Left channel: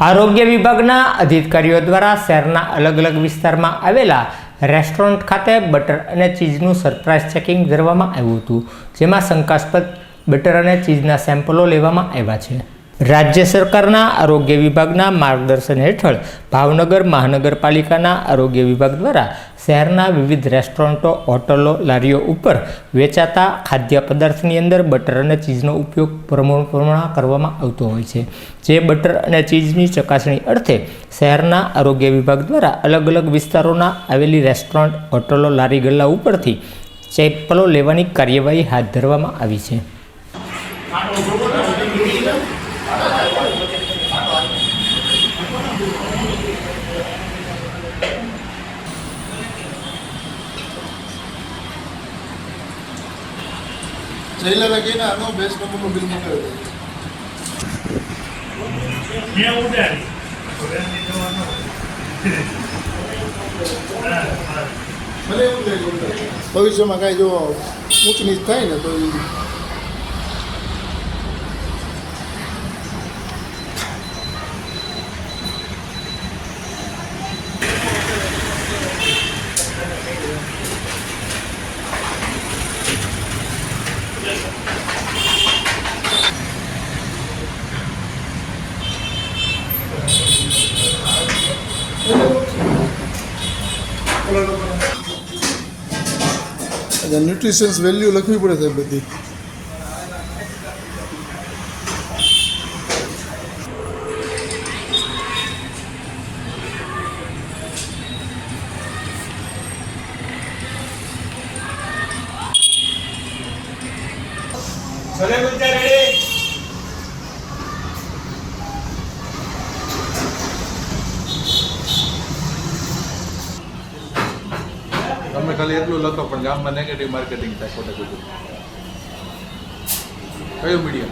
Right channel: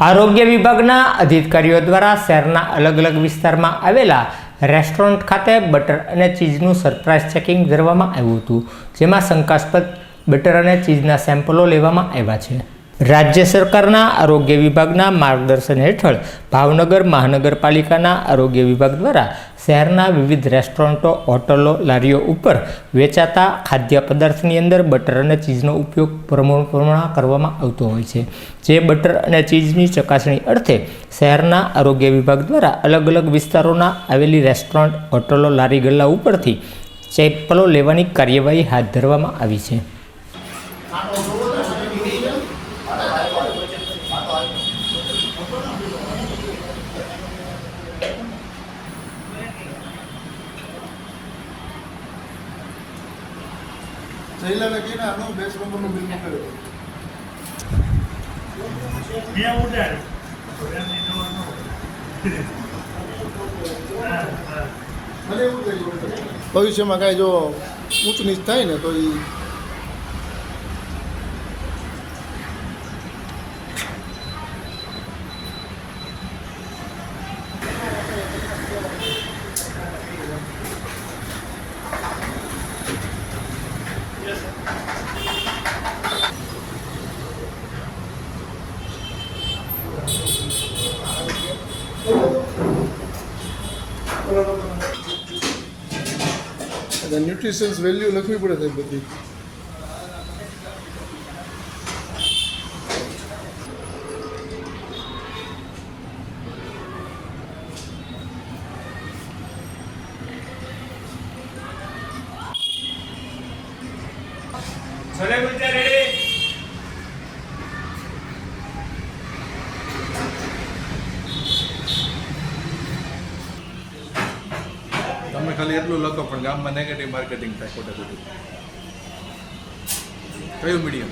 આરોગ્ય વિભાગના અધિકારીઓ દ્વારા શહેરના અલગ અલગ વિસ્તારમાં આવેલા રેસ્ટોરન્ટ ખાતે બટર અને ચીઝનું સરપ્રાઇઝ ચેકિંગ કરવામાં આવ્યું હતું, જેમાં શંકાસ્પદ બટર અને ચીઝના સેમ્પલો લેવામાં આવ્યા છે. રાજ્ય સરકારના આરોગ્ય વિભાગના માર્ગદર્શન હેઠળ ભાવનગર મહાનગરપાલિકાના આરોગ્ય વિભાગ દ્વારા શહેરના વિવિધ રેસ્ટોરન્ટો, હોટલો, લારીઓ ઉપર વેચાતા ખાદ્ય પદાર્થની અંદર બટર અને ચીઝનો ઉપયોગ પ્રમાણ કરવામાં આવતો હોય છે. જે બટર અને ચીઝની ચકાસણી અર્થે શહેરના આરોગ્ય વિભાગ દ્વારા અલગ અલગ વિસ્તારોના આવેલી રેસ્ટોરન્ટ, હોટલો, લારી ગલ્લા ઉપરથી ચેપલો લેવાની કાર્યવાહી હાથ ધરવામાં આવી છે. જયલાલે કહીને આનો બેસ્ટ નંબરનું બિલ મંગાવ્યું મને એવું થાય છે ભવિષ્યમાં કાંઈ જો ઊંચ નીચ થાય ને તો એ ન્યુટ્રિશન્સ વેલ્યુ લખવી પડે સાહેબ બધી. તમે ખાલી એટલું લખો પણ ગામમાં નેગેટિવ માર્કેટિંગ થાય ખોટે ખોટું. કયું medium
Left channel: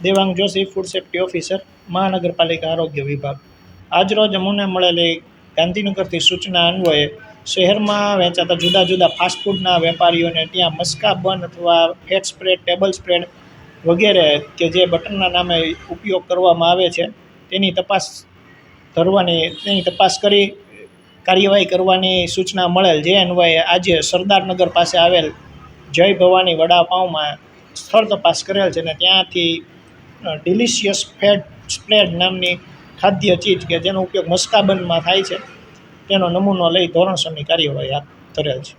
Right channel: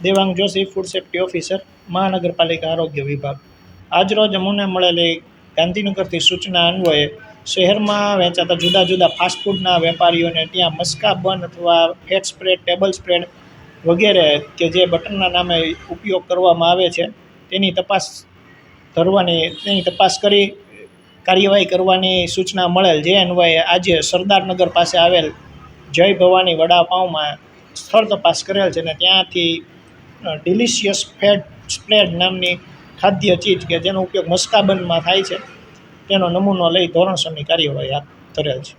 Devang Joshi food safety officer મહાનગરપાલિકા આરોગ્ય વિભાગ. આજરોજ અમુને મળેલી ગાંધીનગરથી સૂચના અન્વયે શહેરમાં વેચાતા જુદા જુદા ફાસ્ટફૂડના વેપારીઓને ત્યાં મસ્કા બન અથવા ફેટ સ્પ્રેડ ટેબલ સ્પ્રેડ વગેરે કે જે બટનના નામે ઉપયોગ કરવામાં આવે છે, તેની તપાસ ધરવાની, તેની તપાસ કરી કાર્યવાહી કરવાની સૂચના મળેલ. જે અન્વયે આજે સરદારનગર પાસે આવેલ જય ભવાની વડાપાઉમાં સ્થળ તપાસ કરેલ છે ને ત્યાંથી ડિલિશિયસ ફેટ સ્પ્રેડ નામની ખાદ્ય ચીજ કે જેનો ઉપયોગ મસ્કાબનમાં થાય છે. તેનો નમૂનો લઈ ધોરણસરની કાર્યવાહી હાથ ધરેલ છે.